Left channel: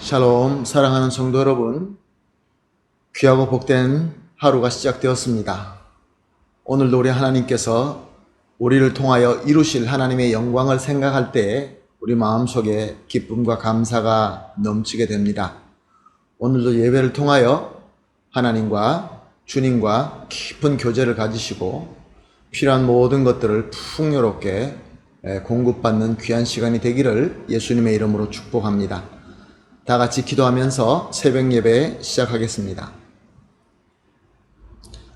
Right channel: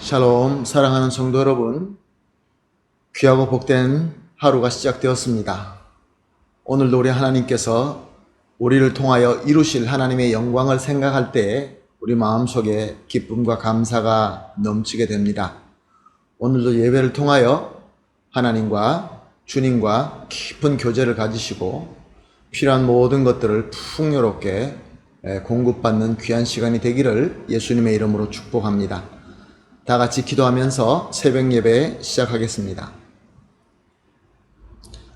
샬롬, 사랑하는 성도 여러분, 귀하고 복된 하루가 시작되었습니다. 오늘도 우리 하나님께서 우리를 통하여 이루실 하나님의 영광을 생각할 때 우리 마음속에 기쁨과 감사가 넘치게 됩니다. 오늘도 예배를 통하여 하나님과 주님과 깊은 교제를 가지시고 필요한 모든 것들을 풍요롭게 공급받는 귀한 시간이 되기를 예수님의 이름으로 축복합니다. 다 같이 기도하면서 새벽 예배 시작하겠습니다.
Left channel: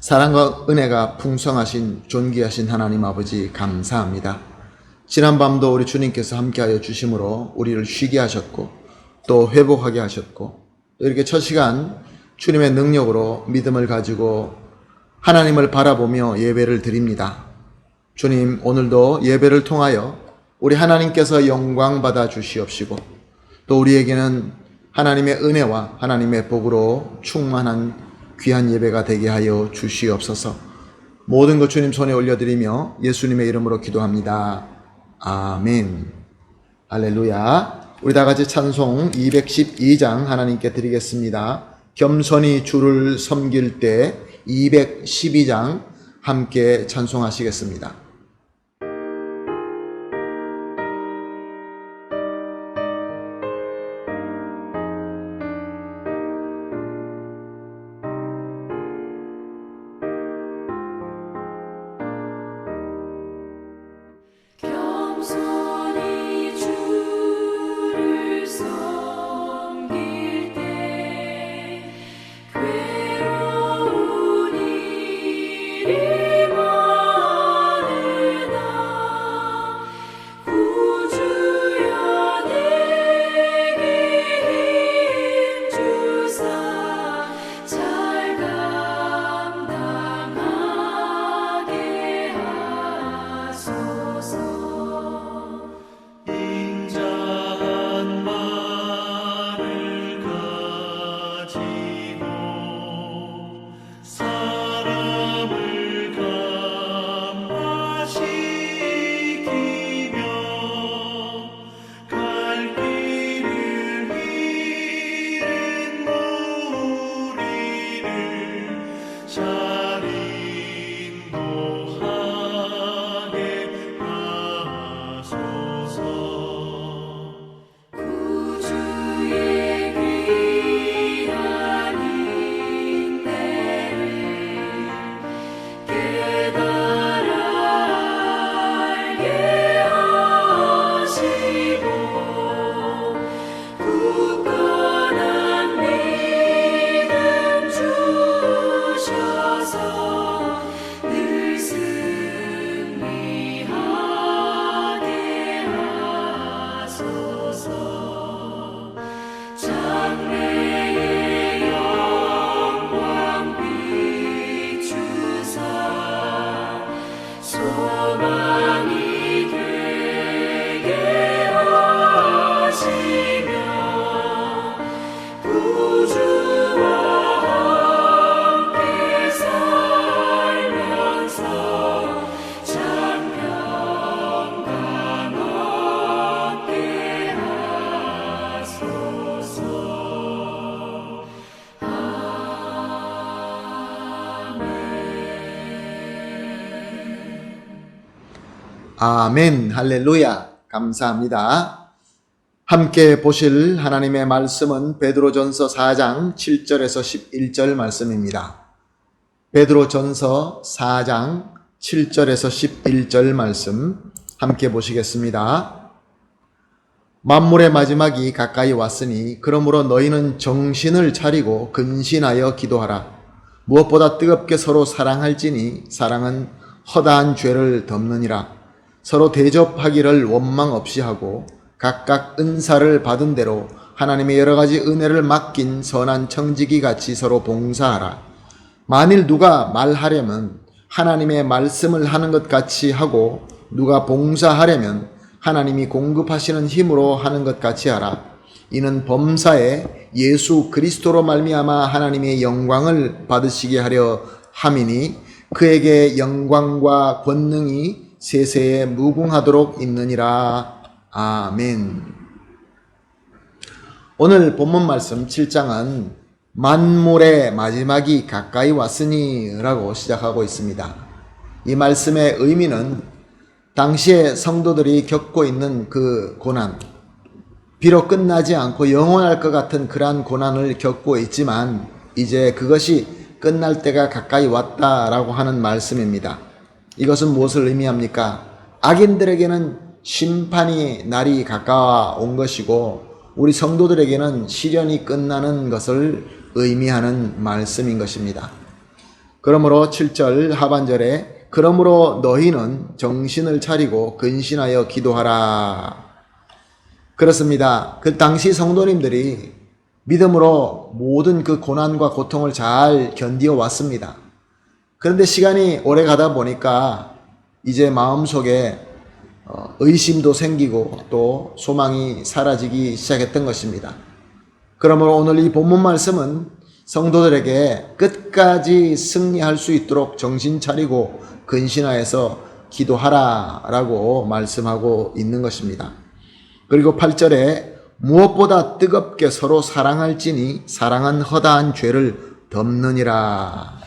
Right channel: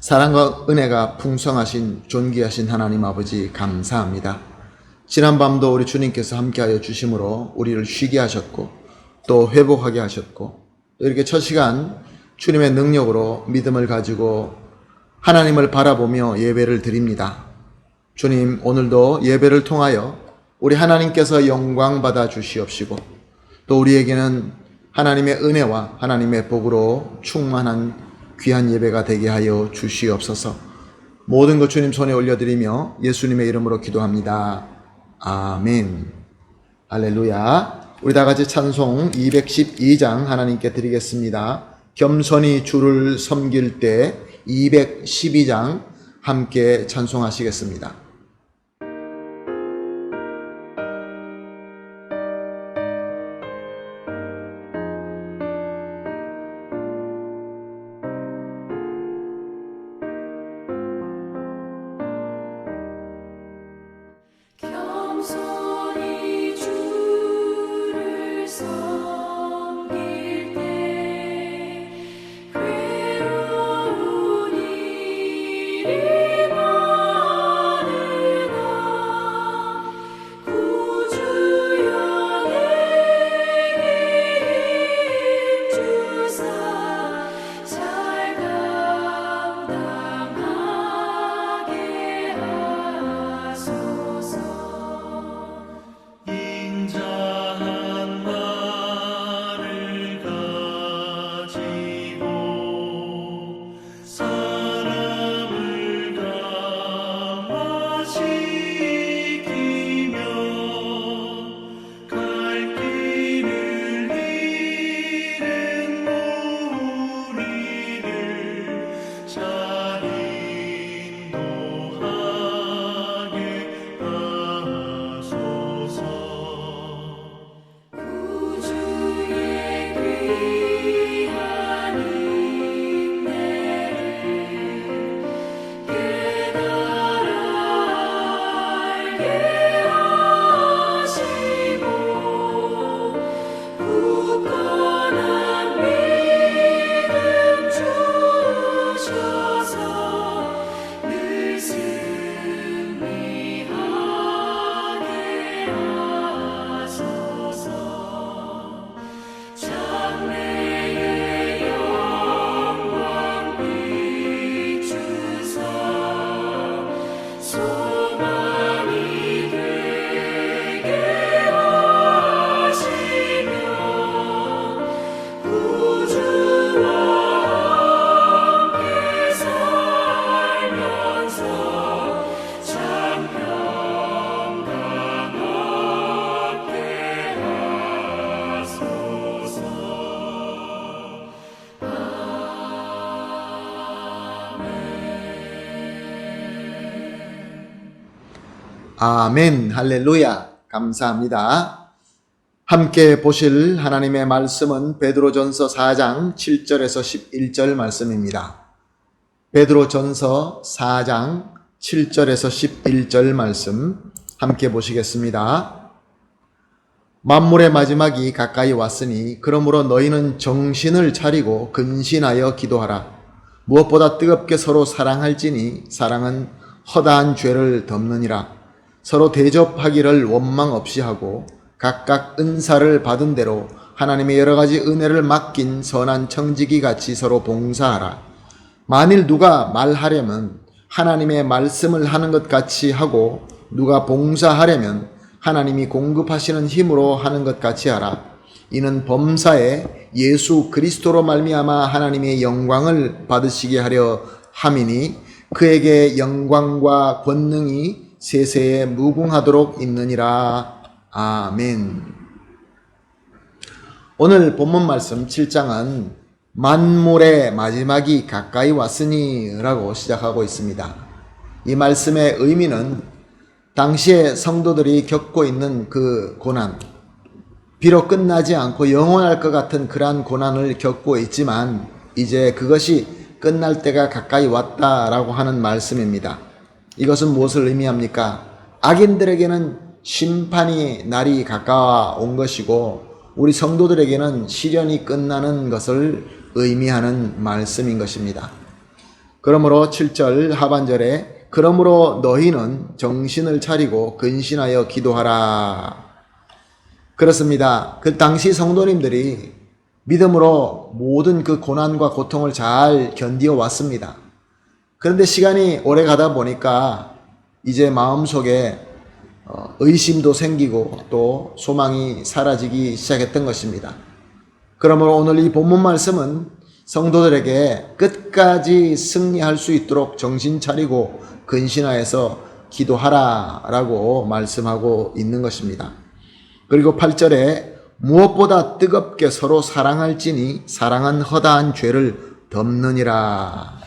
사랑과 은혜가 풍성하신 존귀하신 하나님 아버지 감사합니다. 지난 밤도 우리 주님께서 함께하여 주심으로 우리를 쉬게 하셨고 또 회복하게 하셨고 또 이렇게 첫 시간 주님의 능력으로 믿음을 가지고 하나님을 바라보며 예배를 드립니다. 주님, 오늘도 예배를 통하여 우리 하나님께서 영광 받아 주시옵시고 또 우리에게는 하나님의 은혜와 하나님의 복으로 충만한 귀한 예배가 되게 하여 주시옵소서. 모든 것 주님 손에 올려드리며 예수님의 이름으로 기도합니다. 아멘. 할렐루야. 우리 다 같이 찬송 212장 하나님께 드리겠습니다. 겸손히 주를 섬길 때 212장 함께 찬송하시겠습니다. 겸손히 주를 섬길 때 괴로운 일이 많으나 구주여 내게 힘주사 잘 감당하게 하소서. 인자한 말을 가지고 사람을 감화시키며 갈 길을 잃은 무리를 잘 인도하게 하소서. 구주의 귀한 인내를 깨달아 알게 하시고 굳건한 믿음 주셔서 늘 승리하게 하소서. 장래의 영광 비추사 소망이 되게 하시며 구주와 함께 살면서 참 평강 얻게 하소서. 아멘. 할렐루야. 감사합니다. 함께 보실 하나님의 말씀은 베드로전서 4장 7절에서 11절 말씀입니다. 베드로전서 4장 7절에서 11절 말씀 함께 보시겠습니다. 만물의 마지막이 가까이 왔으니 그러므로 너희는 정신을 차리고 근신하여 기도하라. 무엇보다 뜨겁게 서로 사랑할지니 사랑은 허다한 죄를 덮느니라. 서로 대접하기를 원망 없이 하고 각각 은사를 받은 대로 하나님의 여러 가지 은혜를 맡긴 선한 청지기 같이 서로 봉사하라. 만일 누가 말하려면 하나님의 말씀을 하는 것 같이 하고 누가 봉사하려면 하나님이 공급하시는 힘으로 하는 것 같이 하라. 이는 범사에 예수 그리스도로 말미암아 하나님의 영광을 받으시게 하려 함이니 그에게 영광과 권능이 세세에 무궁하도록 있느니라. 아멘. 오늘 본문 말씀 7장은 만물의 마지막이 가까이 왔으니 라고 시작하고 있습니다. 이 말씀의 의미는 당시에 성도들이 겪고 있는 그 고난, 비록 끝나지 않고 영원할 것 같은 그러한 고난을 겪고 있지만 이제 그것이 끝날 때가 가까이 왔다라고 하는 말씀입니다. 이것은 무엇을 의미합니까? 악인들에게는 심판이 날이 가까운 것이고 우리 성도들에게는 시련이 끝나는 것을 의미하는 말씀인 것입니다. 그러므로 7절 하반절에 그러므로 너희는 정신을 차리고 근신하여 기도하라. 그렇습니다. 그 당시 성도님들이 믿음으로 모든 그 고난과 고통을 잘 견디어 왔습니다. 그런데 시간이 오래 가다 보니까 이제 마음속에 의심도 생기고 또 소망이 사라지기 시작했던 것입니다. 그러므로 오늘 이 본문 말씀은 성도들에게 끝까지 승리할 수 있도록 정신 차리고 근신하여서 기도하라 라고 말씀하고 있는 것입니다. 그리고 8절에 무엇보다 뜨겁게 서로 사랑할지니 사랑은 허다한 죄를 덮느니라.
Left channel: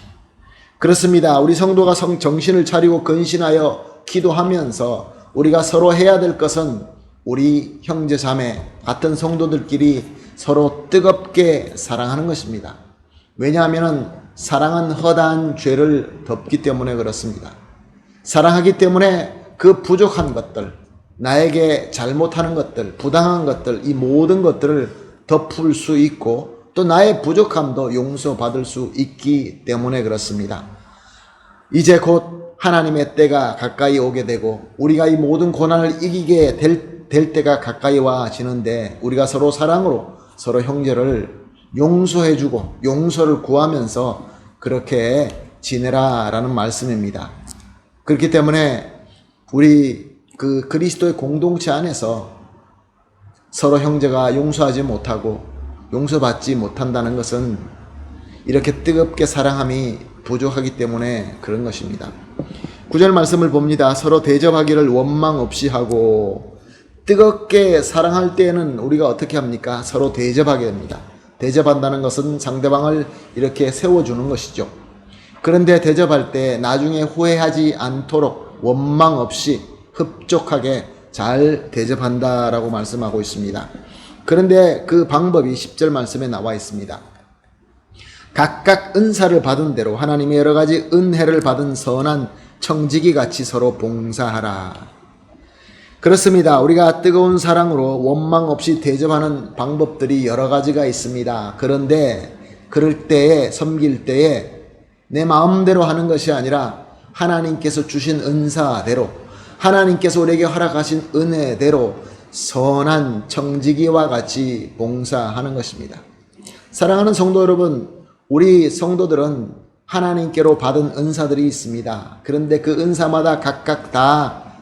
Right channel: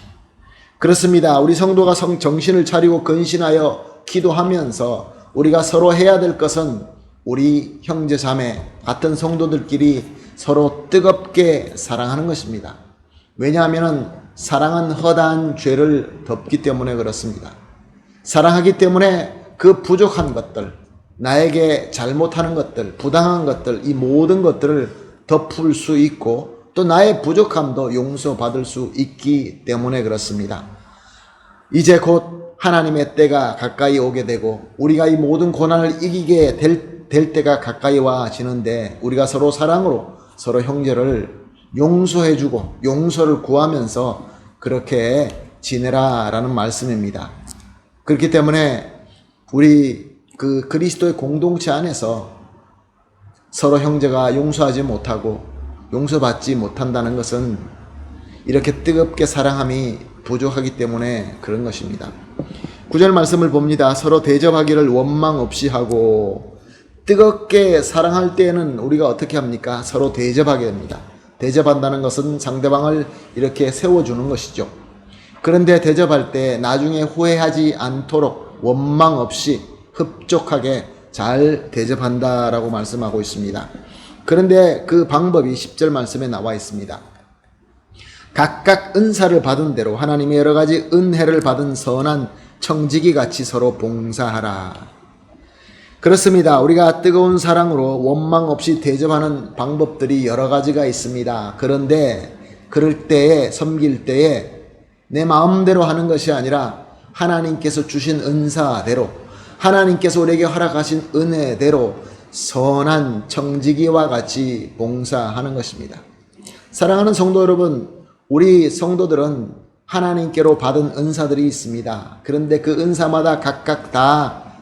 그렇습니다. 우리 성도가 정신을 차리고 근신하여 기도하면서 우리가 서로 해야 될 것은 우리 형제 자매 같은 성도들끼리 서로 뜨겁게 사랑하는 것입니다. 왜냐하면 사랑은 허다한 죄를 덮기 때문에 그렇습니다. 사랑하기 때문에 그 부족한 것들, 나에게 잘못하는 것들, 부당한 것들, 이 모든 것들을 덮을 수 있고 또 나의 부족함도 용서받을 수 있기 때문에 그렇습니다. 이제 곧 하나님의 때가 가까이 오게 되고 우리가 이 모든 고난을 이기게 될 때가 가까이 와지는데 우리가 서로 사랑으로 서로 형제를 용서해주고 용서를 구하면서 그렇게 지내라라는 말씀입니다. 그렇기 때문에 우리 그 그리스도의 공동체 안에서 서로 형제가 용서하지 못하고 용서받지 못한다는 것은 이렇게 뜨겁게 사랑함이 부족하기 때문에 그런 것입니다. 9절 말씀을 봅니다. 서로 대접하기를 원망 없이 하고 뜨겁게 사랑할 때에는 우리가 어떻게 합니까? 서로 대접하게 됩니다. 대접한다는 것은 상대방을 이렇게 세워주는 것이죠. 그런데 대접할 때 나중에 후회하지 않도록 원망 없이 흡족하게 잘 대접한다라고 말씀하고 있습니다. 그런데 그 방법이 10절 말씀에 나와 있습니다. 각각 은사를 받은 대로 하나님의 여러 가지 은혜를 받은 선한 청지기 같이 서로 봉사하라. 그렇습니다. 우리가 뜨거운 사랑으로 원망 없이 대접하는 방법들이 여러 가지가 있습니다. 그런데 그럴 때에 섬길 때에 내 마음대로 하는 것이 아니라 하나님께서 주신 은사대로 하나님께서 우리에게 허락하신 은혜대로 선한 청지기와 같이 봉사하는 것입니다. 사랑하는 성도 여러분, 우리 성도들은 하나님께로 받은 은사들이 있습니다. 그런데 그 은사마다 각각 다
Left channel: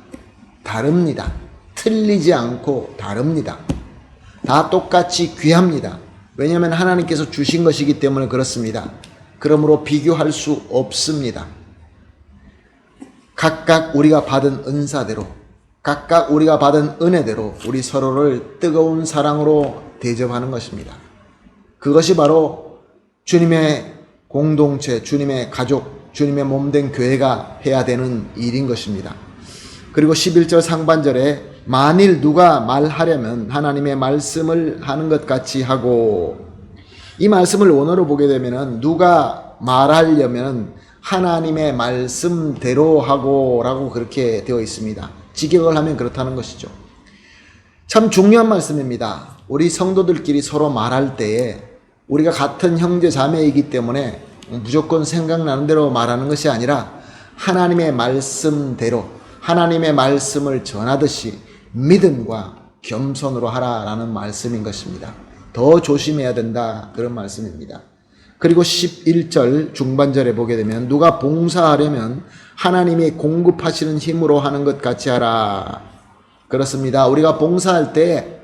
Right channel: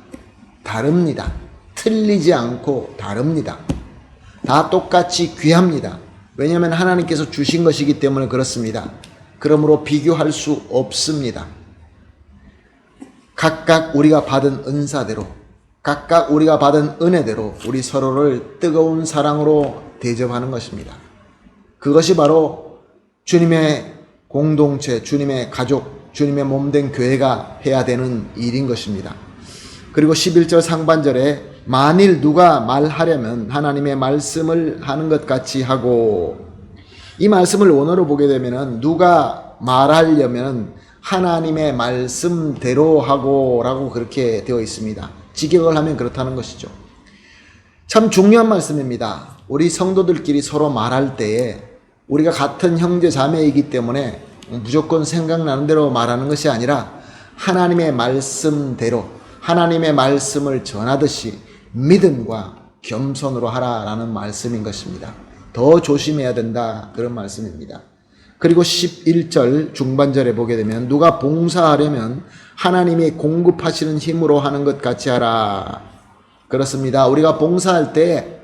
다릅니다. 틀리지 않고 다릅니다. 다 똑같이 귀합니다. 왜냐하면 하나님께서 주신 것이기 때문에 그렇습니다. 그러므로 비교할 수 없습니다. 각각 우리가 받은 은사대로, 각각 우리가 받은 은혜대로 우리 서로를 뜨거운 사랑으로 대접하는 것입니다. 그것이 바로 주님의 공동체, 주님의 가족, 주님의 몸된 교회가 해야 되는 일인 것입니다. 그리고 11절 상반절에 만일 누가 말하려면 하나님의 말씀을 하는 것 같이 하고, 이 말씀을 원어로 보게 되면 누가 말하려면 하나님의 말씀대로 하고 라고 그렇게 되어 있습니다. 직역을 하면 그렇다는 것이죠. 참 중요한 말씀입니다. 우리 성도들끼리 서로 말할 때에 우리가 같은 형제 자매이기 때문에 무조건 생각나는 대로 말하는 것이 아니라 하나님의 말씀대로 하나님의 말씀을 전하듯이 믿음과 겸손으로 하라라는 말씀인 것입니다. 더 조심해야 된다, 그런 말씀입니다. 그리고 11절 중반절에 보게 되면 누가 봉사하려면 하나님이 공급하시는 힘으로 하는 것 같이 하라. 그렇습니다. 우리가 봉사할 때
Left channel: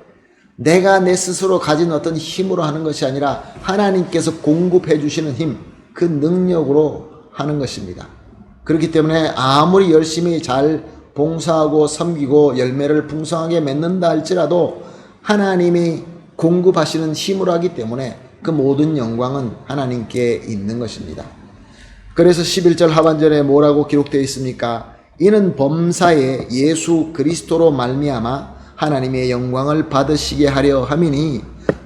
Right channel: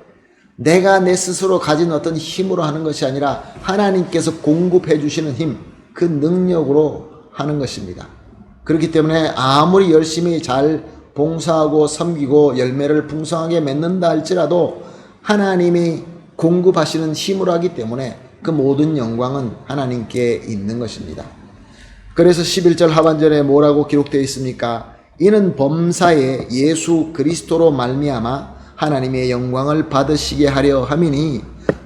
내가 내 스스로 가진 어떤 힘으로 하는 것이 아니라 하나님께서 공급해 주시는 힘, 그 능력으로 하는 것입니다. 그렇기 때문에 아무리 열심히 잘 봉사하고 섬기고 열매를 풍성하게 맺는다 할지라도 하나님이 공급하시는 힘으로 하기 때문에 그 모든 영광은 하나님께 있는 것입니다. 그래서 11절 하반절에 뭐라고 기록되어 있습니까? 이는 범사에 예수 그리스도로 말미암아 하나님의 영광을 받으시게 하려 함이니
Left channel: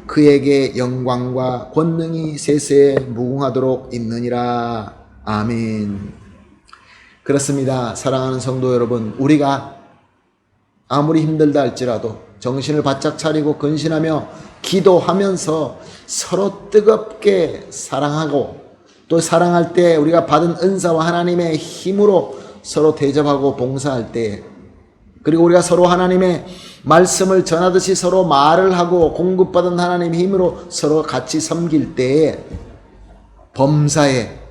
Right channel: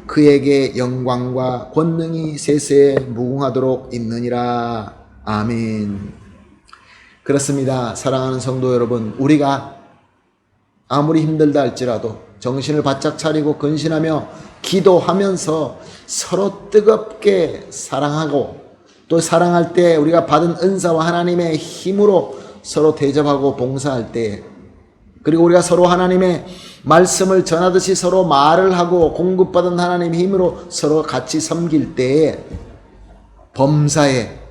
그에게 영광과 권능이 세세에 무궁하도록 있느니라. 아멘. 그렇습니다. 사랑하는 성도 여러분, 우리가 아무리 힘들다 할지라도 정신을 바짝 차리고 근신하며 기도하면서 서로 뜨겁게 사랑하고, 또 사랑할 때 우리가 받은 은사와 하나님의 힘으로 서로 대접하고 봉사할 때, 그리고 우리가 서로 하나님의 말씀을 전하듯이 서로 말을 하고 공급받은 하나님의 힘으로 서로 같이 섬길 때에 범사에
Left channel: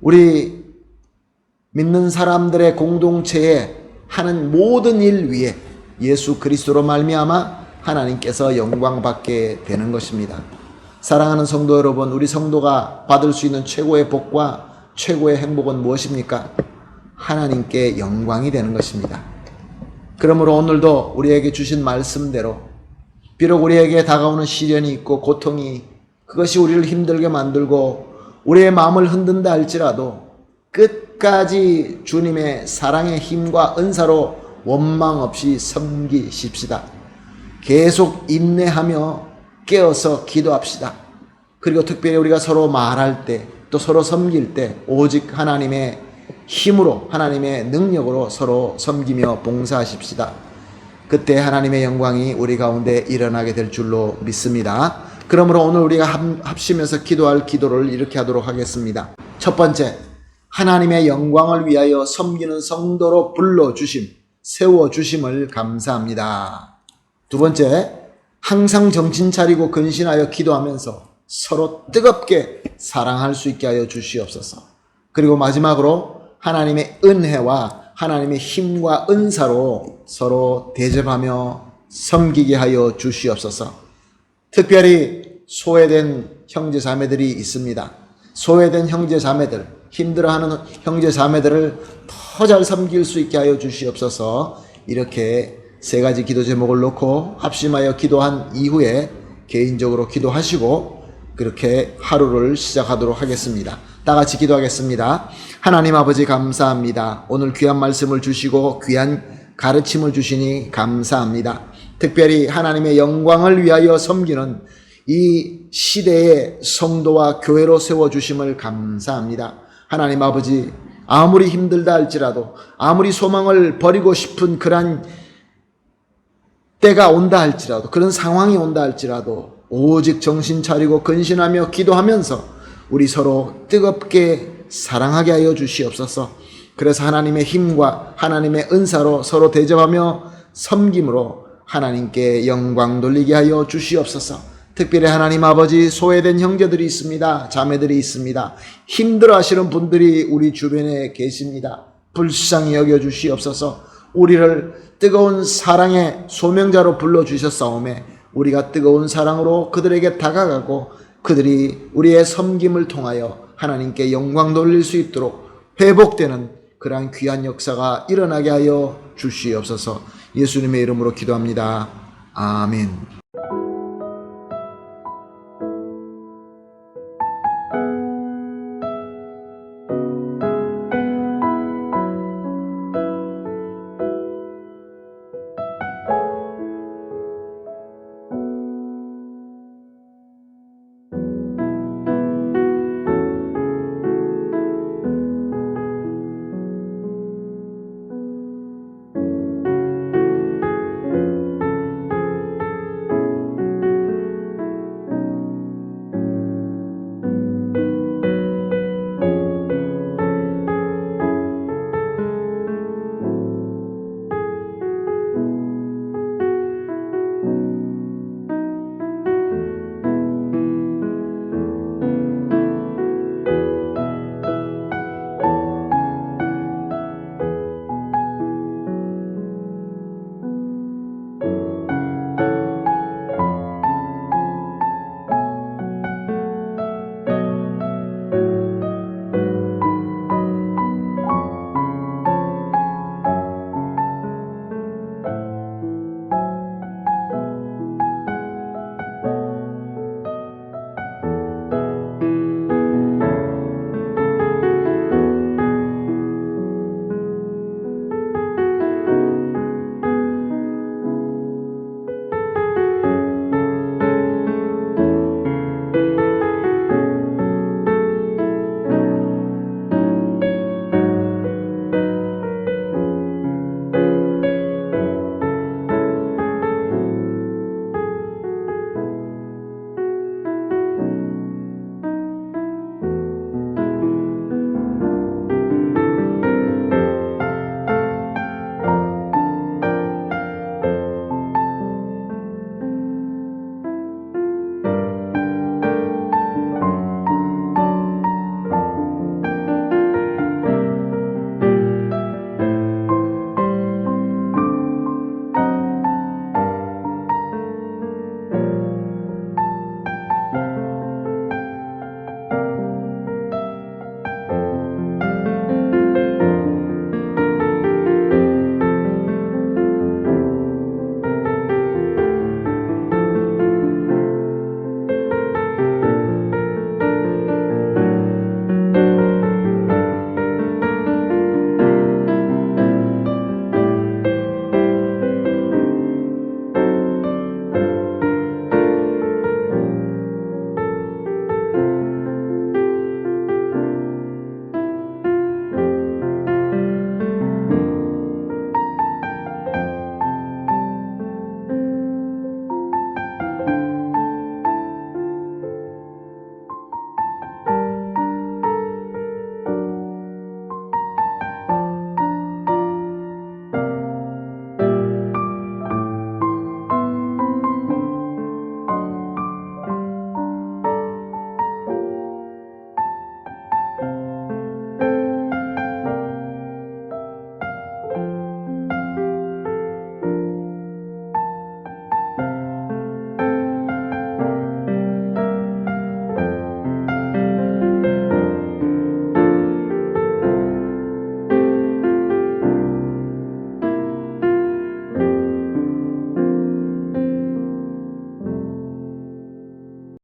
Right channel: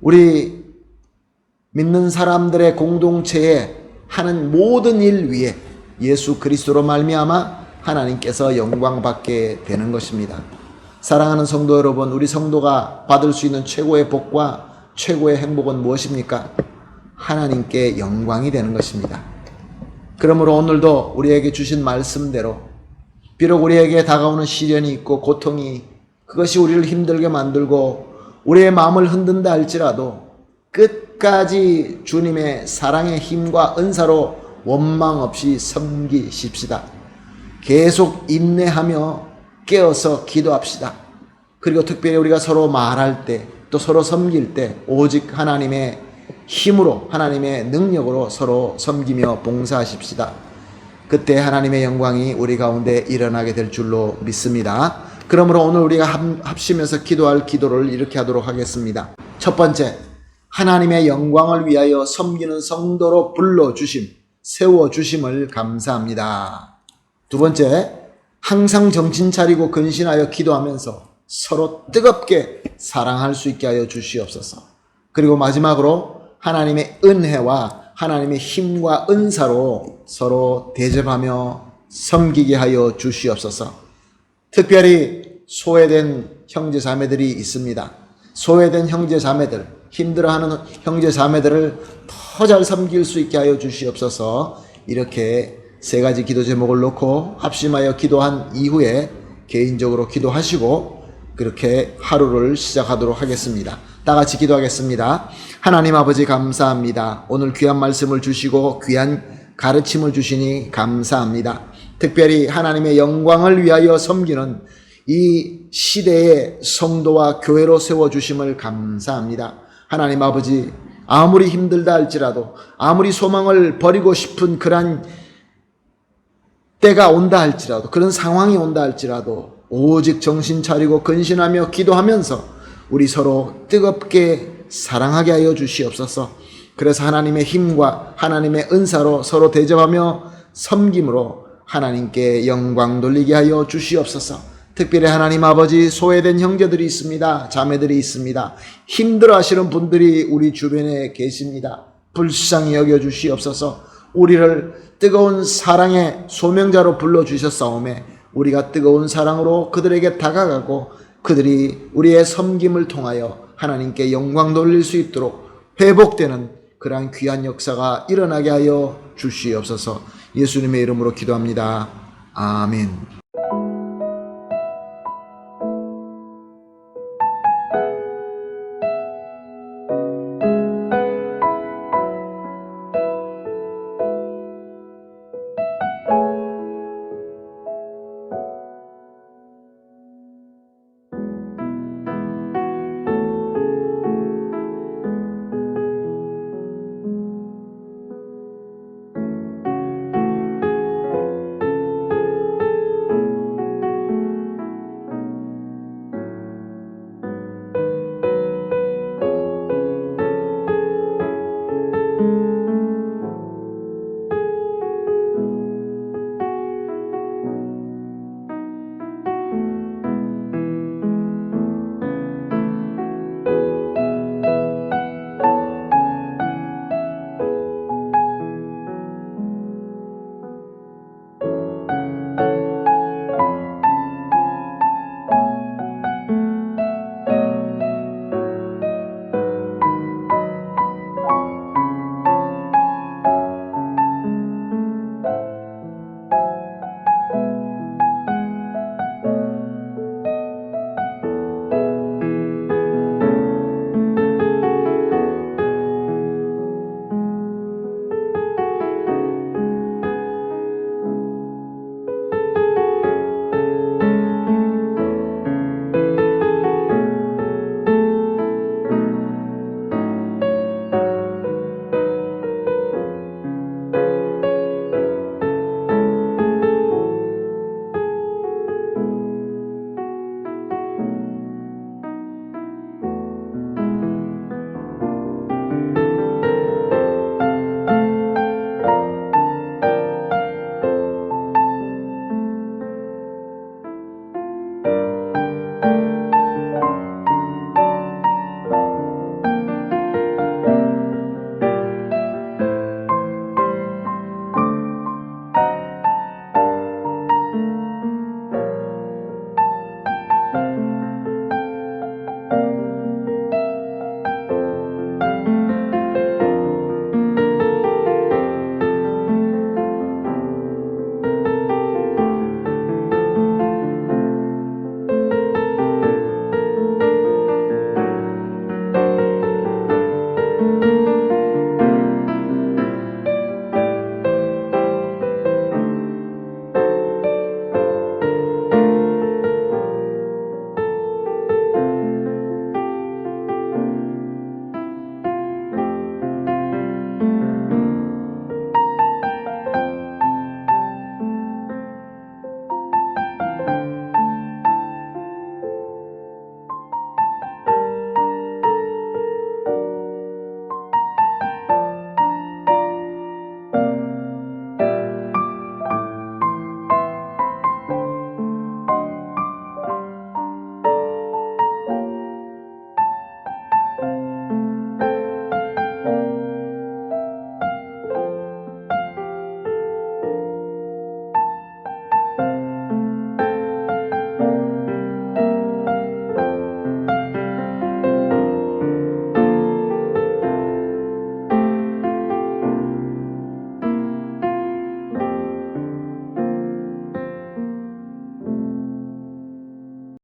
우리 믿는 사람들의 공동체에 하는 모든 일 위에 예수 그리스도로 말미암아 하나님께서 영광 받게 되는 것입니다. 사랑하는 성도 여러분, 우리 성도가 받을 수 있는 최고의 복과 최고의 행복은 무엇입니까? 하나님께 영광이 되는 것입니다. 그러므로 오늘도 우리에게 주신 말씀대로, 비록 우리에게 다가오는 시련이 있고 고통이, 그것이 우리를 힘들게 만들고 우리의 마음을 흔든다 할지라도 끝까지 주님의 사랑의 힘과 은사로 원망 없이 섬기십시다. 계속 인내하며 깨어서 기도합시다. 그리고 특별히 우리가 서로 말할 때, 또 서로 섬길 때 오직 하나님의 힘으로, 하나님의 능력으로 서로 섬기며 봉사하십시다. 그때 하나님의 영광이 우리 가운데 일어나게 될 줄로 믿습니다. 그러므로 오늘 우리가 합심해서 기도할 기도를 이렇게 하도록 하겠습니다. 첫 번째, 하나님의 영광을 위하여 섬기는 성도로 불러주심, 세워주심을 감사합니다. 두 번째, 항상 정신 차리고 근신하여 기도하면서 서로 뜨겁게 사랑할 수 있게 하여 주시옵소서. 그리고 마지막으로 하나님의 은혜와 하나님의 힘과 은사로 서로 대접하며 섬기게 하여 주시옵소서. 특별히 소외된 형제 자매들이 있습니다. 소외된 형제 자매들, 힘들어하는 형제 자매들을 더 잘 섬길 수 있게 하여 주시옵소서. 이렇게 세 가지 기도 제목을 놓고 합심하여 기도한 이후에 개인적으로 기도하시고 그렇게 하루를 시작하도록 하겠습니다. 다 같이 기도하겠습니다. 하나님 아버지 감사합니다. 오늘 귀한 말씀을 주시고 귀한 가르침을 주시니 감사합니다. 특별히 하나님의 영광을 위하여 섬기는 이 시대의 성도와 교회로 세워주심을 감사합니다. 하나님 아버지, 아무리 힘들다 할지라도, 아무리 소망을 버리고 싶은 그런 때가 온다 할지라도, 그런 상황이 온다 할지라도 오직 정신 차리고 근신하며 기도하면서 우리 서로 뜨겁게 사랑하게 하여 주시옵소서. 그래서 하나님의 힘과 하나님의 은사로 서로 대접하며 섬김으로 하나님께 영광 돌리게 하여 주시옵소서. 특별히 하나님 아버지, 소외된 형제들이 있습니다. 자매들이 있습니다. 힘들어 하시는 분들이 우리 주변에 계십니다. 불쌍히 여겨 주시옵소서. 우리를 뜨거운 사랑의 소명자로 불러주셨사오매 우리가 뜨거운 사랑으로 그들에게 다가가고 그들이 우리의 섬김을 통하여 하나님께 영광 돌릴 수 있도록 회복되는 그러한 귀한 역사가 일어나게 하여 주시옵소서. 예수님의 이름으로 기도합니다. 아멘.